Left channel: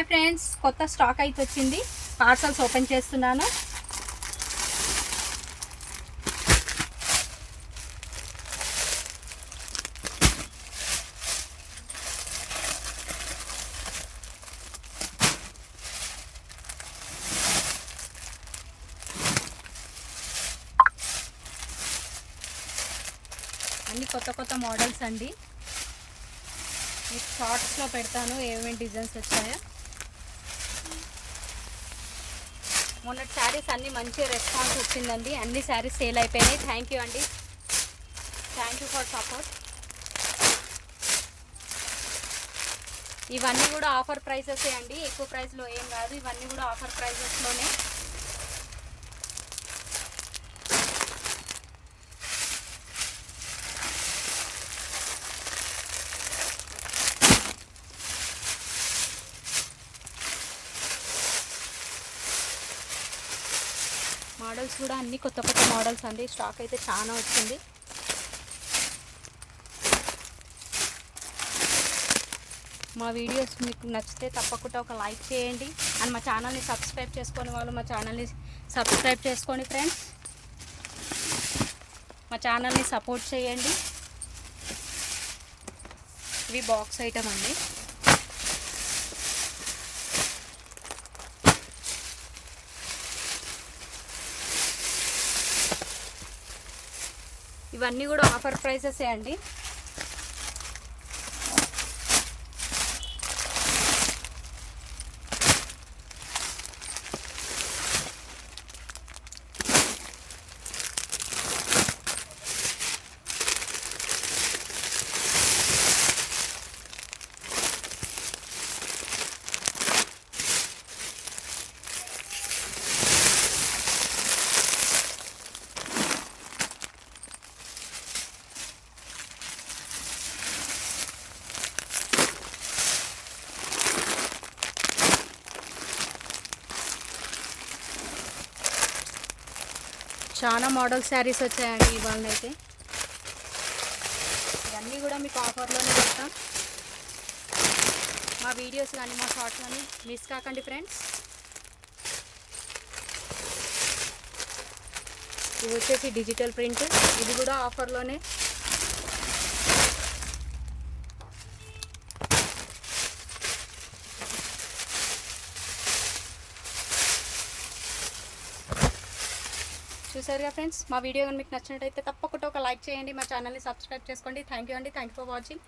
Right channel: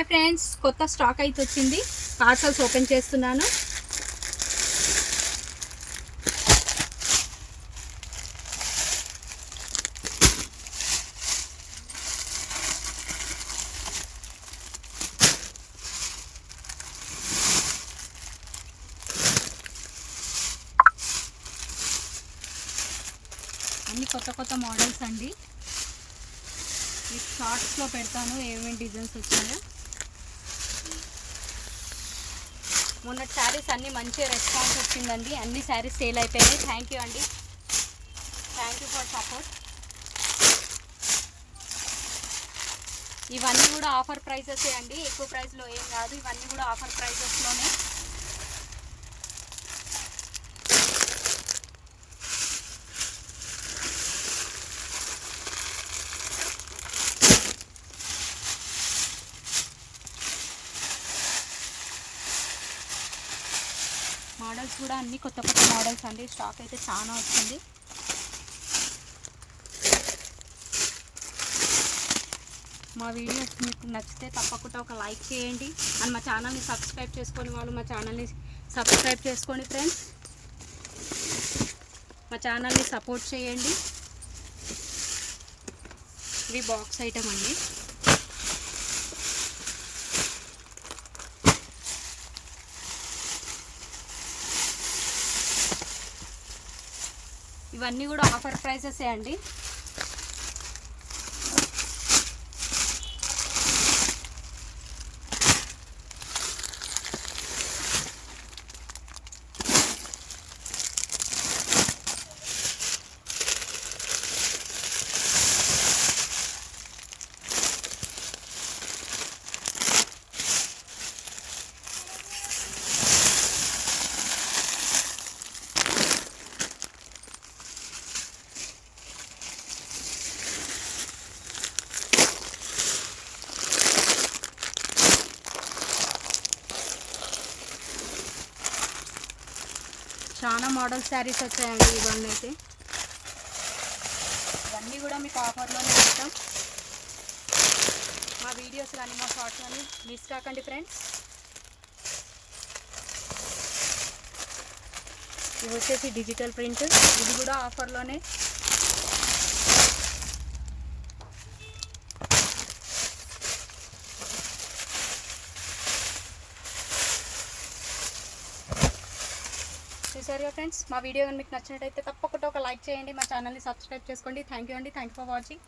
Hi friends, కొత్త స్టాక్ అయితే వచ్చింది. పార్సల్స్ ఓపెన్ చేస్తున్నాను. అన్ని కొత్త మోడల్స్ అండి. షార్ట్స్లో పెడతాను ఏమేమి డిజైన్స్ వచ్చాయో. మొన్న శారీస్ అన్నీ మంచి రెస్పాన్స్ వచ్చిందండి. అన్ని శారీస్ సేల్ అయిపోయాయి. థ్యాంక్ యూ అండి, థ్యాంక్ యూ ఫర్ సపోర్ట్. ఇవన్నీ కూడా ఆఫర్ ప్రైసెస్ అండి, ఎక్కువ ప్రైస్లో ఏం కాదు. ఇవన్నీ కూడా ఆఫర్ ప్రైసెస్లోనే. మోడల్స్ కూడా అన్ని కొత్త మోడల్స్ అండి. స్టాక్ అయితే చాలా వచ్చింది. మా వీడియోస్ మీకు నచ్చితే తప్పకుండా ఒక లైక్ చేయండి. అండ్ మా ఛానల్ని సబ్స్క్రైబ్ చేసుకునే వాళ్ళు మా ఛానల్ని సబ్స్క్రైబ్ చేసుకోండి ఫ్రెండ్స్. మా ఛానల్ని సపోర్ట్ చేయండి. ఇవి బాక్స్ ఐటమ్ అండి. ఇవన్నీ కూడా ఆఫర్ ప్రైసెస్ అండి. చాలా మోడల్ శారీస్ వచ్చాయండి. ఇవన్నీ అయితే ఇవన్నీ కూడా మీకు ఆఫర్లోనే ఇస్తాం. మా వీడియోస్ కానీ మా షార్ట్స్ కానీ మిస్ కాకండి ఫ్రెండ్స్. ఇది వచ్చేసి డిజిటల్ ప్రింట్, ఇది కూడా ఆఫర్లోనే. చూసారుగా ఫ్రెండ్స్, మా వీడియో మీకు నచ్చినట్టయితే తప్పకుండా ఒక లైక్ చేయండి. మా ఛానల్ని సబ్స్క్రైబ్ చేసుకోండి. థ్యాంక్ యూ అండి, థ్యాంక్ యూ ఫర్ వాచింగ్.